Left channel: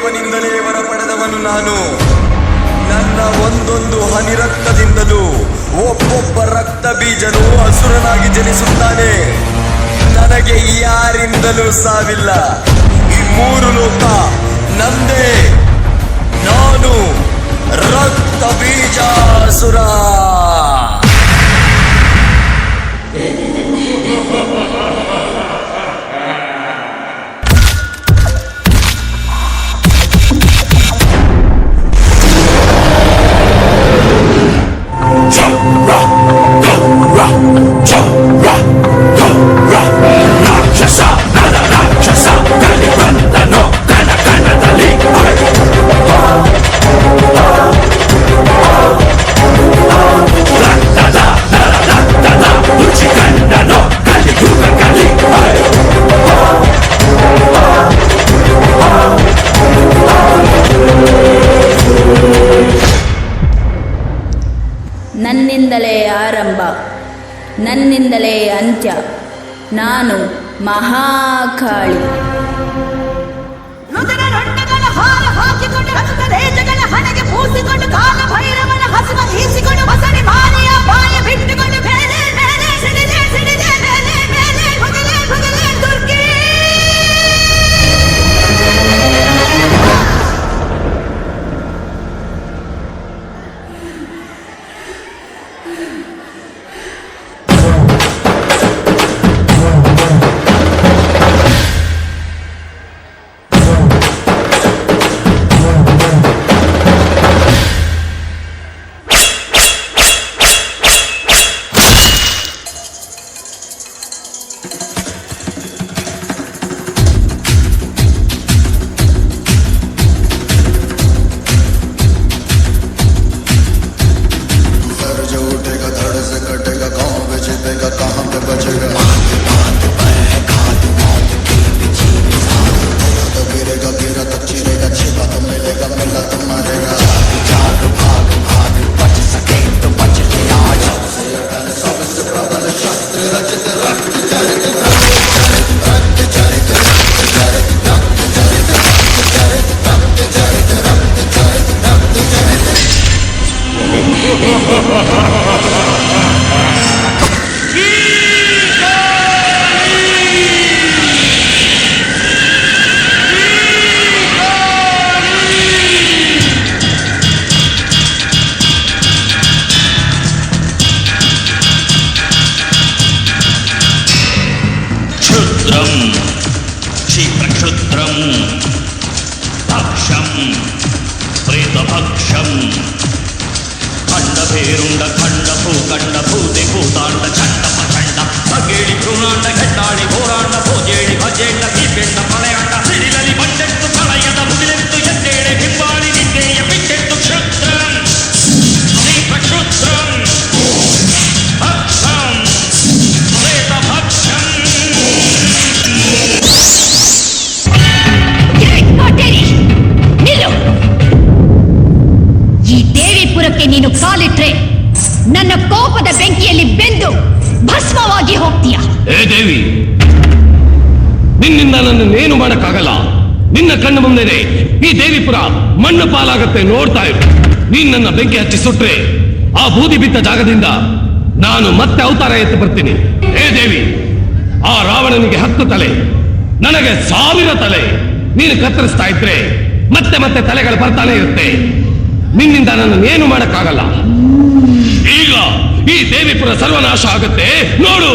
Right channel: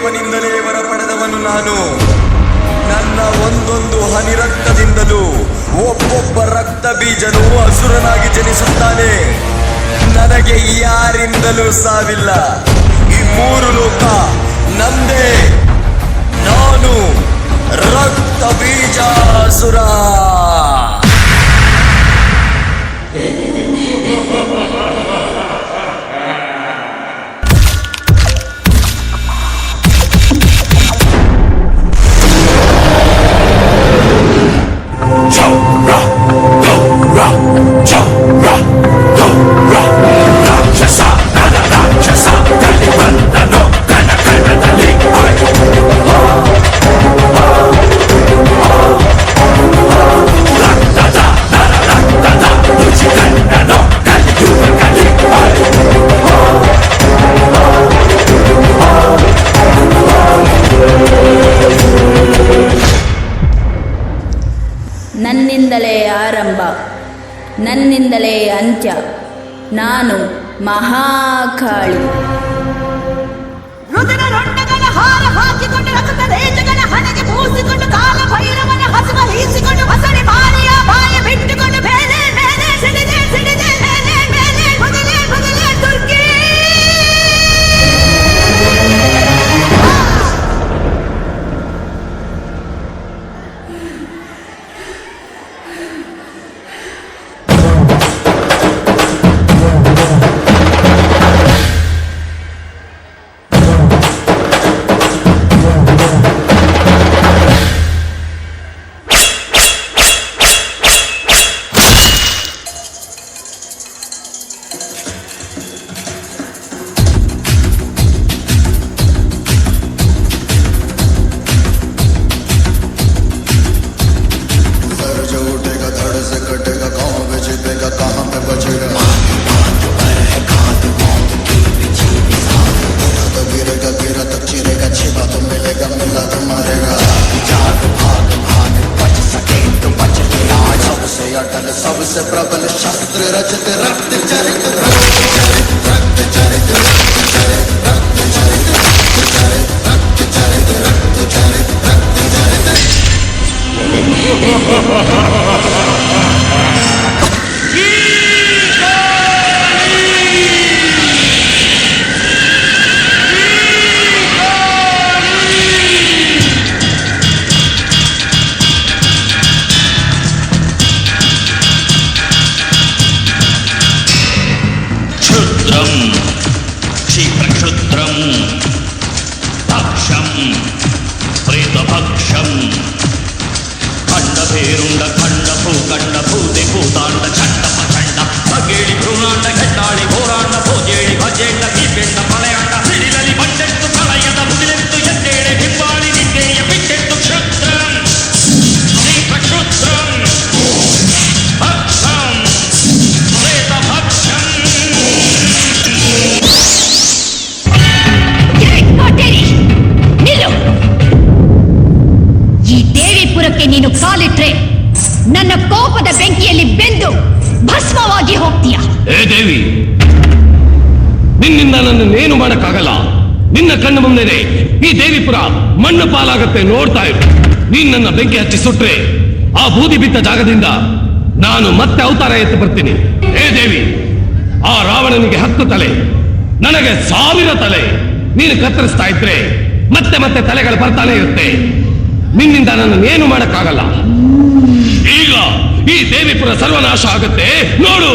ದೇವನಿಂದಲೇ ವರ ಪಡೆದವನು ನಾನು. ನನ್ನ ಒಂದೊಂದು ಹನಿ ರಕ್ತದಿಂದಲೂ ಒಬ್ಬೊಬ್ಬ ರಕ್ತ ಬೀಜನು ಅಸುರನಾಗಿ ಜನಿಸುತ್ತಾನೆ. ನನಗೆ ಯಾರಿಂದಲೂ ಸಾವಿಲ್ಲ. ಈ ಮೂರು ಲೋಕ ನಂದೇ. ನಾನು ರಕ್ತ ಬೀಜಾಸುರ. ನನ್ನಿಂದಲೇ ಆರಂಭ, ನನ್ನಿಂದಲೇ ಅಂತ್ಯ. ನಾನು ಮಹಾಕಾಳಿ. ಹಾರ ಹಾಕಿಕೊಂಡು ರಕ್ತ ರೇಜಗಳ ಹಣೆಗೆ ಮೂಸಿಕೊಂಡು ಕಾಲ ಭೈರವನ ಹಸುವ ಈಸಿಕೊಂಡು ಬಸಡಿ ಮಾರಿಯ ಬಾಯ ಬಿಟ್ಟುಕೊಂಡು ಬೇರೆ ಬೇರೆ ಸಿಡಿದೆ ಸಿಡಿದೆ ಮೇಲೆ ಮೇಲೆ ಬಗಲೆ ಬಗಲೆ ದುರ್ಗೆ. ಕ್ಷಿಪ್ರಕ್ಷುದ್ರಂ ಭಕ್ಷಂ ಪ್ರೇತಭಕ್ಷಂ ಖಂಡಭೇರುಂಡ ಖಂಡ ಭೂಖಂಡ ಭೂತೆ ಭೂತಾಂಡ ಚಂಡ ಪ್ರಚಂಡ ಭಗೇಳಿ ಭ್ರೂಣಾಂಡ ಘಟ್ಟಾಳಿ ಘೋರಾಂಡ ಭೋಜೇಳಿ ಭಜೇಂಡ ಹೀಪೆಂಡ ಪ್ರಳಯಾಂಡ ಸಿಡಿಲಲಿ ಬಂಡೆತ್ತು ಪ್ರಳಯದ ಮುಗಿಲೆತ್ತು ಎದ್ದೇಳೆ ಬಿಂಬಾಳಿ ನಿದ್ದೆಯ ಬಿಟ್ಟೆತ್ತು ಕ್ಷುದ್ರಂ ಕ್ಷಿಪ್ರಕ್ಷುದ್ರಂ ಭಕ್ಷಂ ಪ್ರೇತಭಕ್ಷಂ. ಈ ದೇವಿಪುರಕ್ಕೆ ನೀನು ಕಾಲಿಟ್ರೆ ನನ್ನ ಕೋಪದ ಬೆಂಕಿಯಲ್ಲಿ ಬೆಂದು ಭಸ್ಮವಾಗಿ ಹೋಗ್ತೀಯ. ಏ ದೇವಿ, ನಿನ್ನಿಂದ ನನ್ನನ್ನೇನು ಮಾಡಕ್ಕಾಗಲ್ಲ. ನಿನ್ನ ಕಣ್ಣು ಮುಂದೆನೆ ಈ ದೇವಿಪುರ ಮಣ್ಣು ಪಾಲಾಗತ್ತೆ, ನೋಡ್ತಾ ಇರು. ನೀನ್ ನನ್ನ ಬೆಂಕಿ ಹಚ್ಚಿ ಸುಟ್ರೆ ಆ ಬೂದಿ ಬಿದ್ದ ಜಾಗದಿಂದ ನಾನು ಮತ್ತೆ ಅವತಾರ ಎತ್ತು ಬರ್ತೀನಿ. ಏ ದೇವಿ, ಆ ರಾವಣನಿಗೆ 10 ತಲೆ, ನನಗೆ 1000 ತಲೆ. ನೀನು ಕತ್ತರಿಸ್ತಾ ಇದ್ರೆ ಮತ್ತೆ ಮತ್ತೆ ತಲೆಗಳು ಬರ್ತಾನೆ ಇರುತ್ತೆ. ನಿನ್ನಿಂದ ನನ್ನನ್ನೇನು ಮಾಡಕ್ಕಾಗಲ್ಲ. ಈಗ ಈ ದೇವಿಪುರ ಸರ್ವನಾಶ ಆಗುತ್ತೆ, ನೋಡು.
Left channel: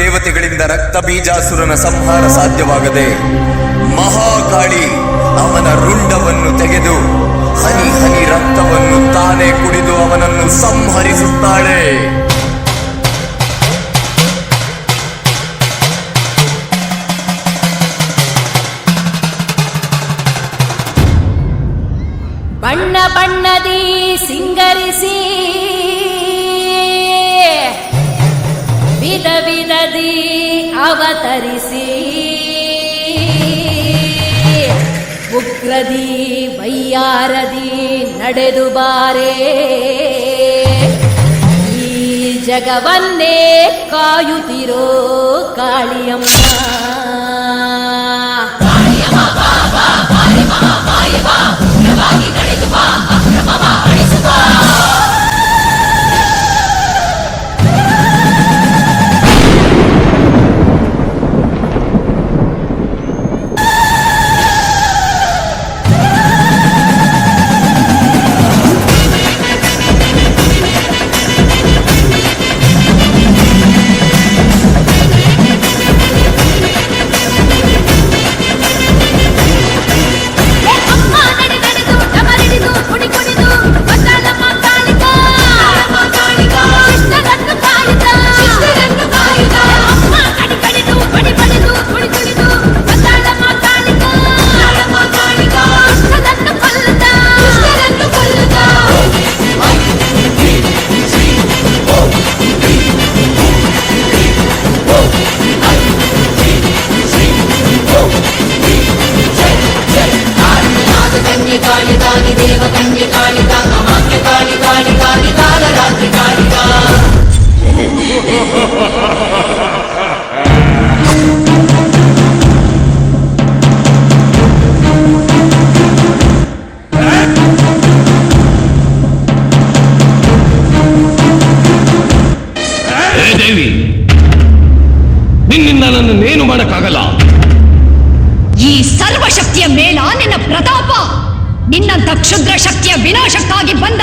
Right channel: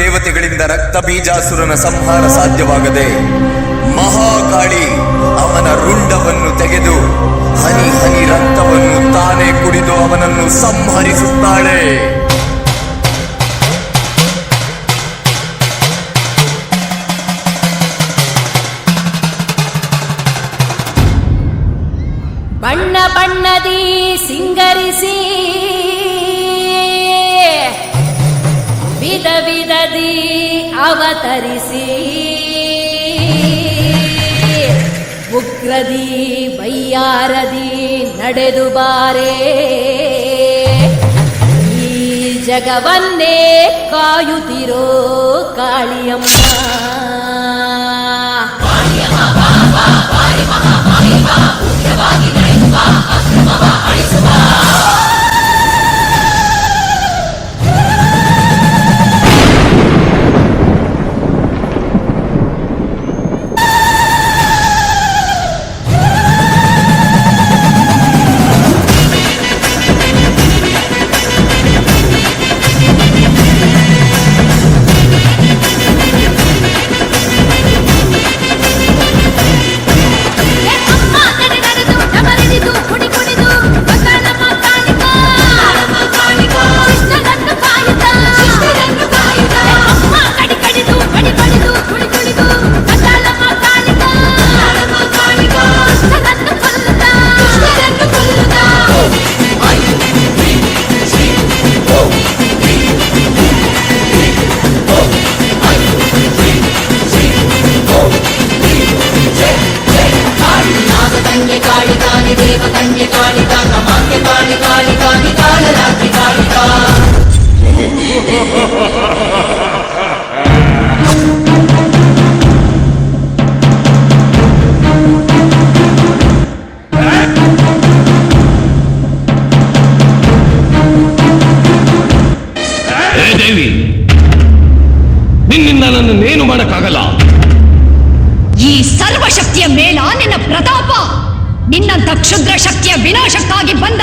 ದೇವತೆಗಳಿಂದ ರಕ್ತ ಬೀಜಾಸುರನ ಸಂಹಾರ ಸಾಧ್ಯವಾಗದೆ ಮಹಾಕಾಳಿ ಅವನ ರುಂಡವನ್ನು ತೆಗೆದು ಹನಿ ಹನಿ ರಕ್ತವನ್ನು ತಾನೇ ಕುಡಿದು ಅವನನ್ನು ಸಂಹರಿಸುತ್ತಾಳೆ. ಬಣ್ಣ ಬಣ್ಣದಿ ಸಿಂಗರಿಸಿ ವಿಧ ವಿಧದಿ ಅವತರಿಸಿ ಉಗ್ರದಿ ವೈಯಾರದಿ ನಡೆದು ಬಾರೆ ಈ ಜಗವನ್ನೇ ಕಾಯುತ್ತಿರೋ ಕಾಳಿಯಮ್ಮ. ದೇವಿ, ನಿನ್ನಿಂದ ನನ್ನನ್ನೇನು ಮಾಡಕ್ಕಾಗಲ್ಲ. ಈ ಸರ್ವಶಕ್ತಿಯ ಮೇಲ ನಿನ್ನ ಪ್ರತಾಪ, ನಿನ್ನಂತ ಕ್ಷುದ್ರ ಶಕ್ತಿಯ ವಿನಾಶಕ್ಕಾಗಿ ಬಂದ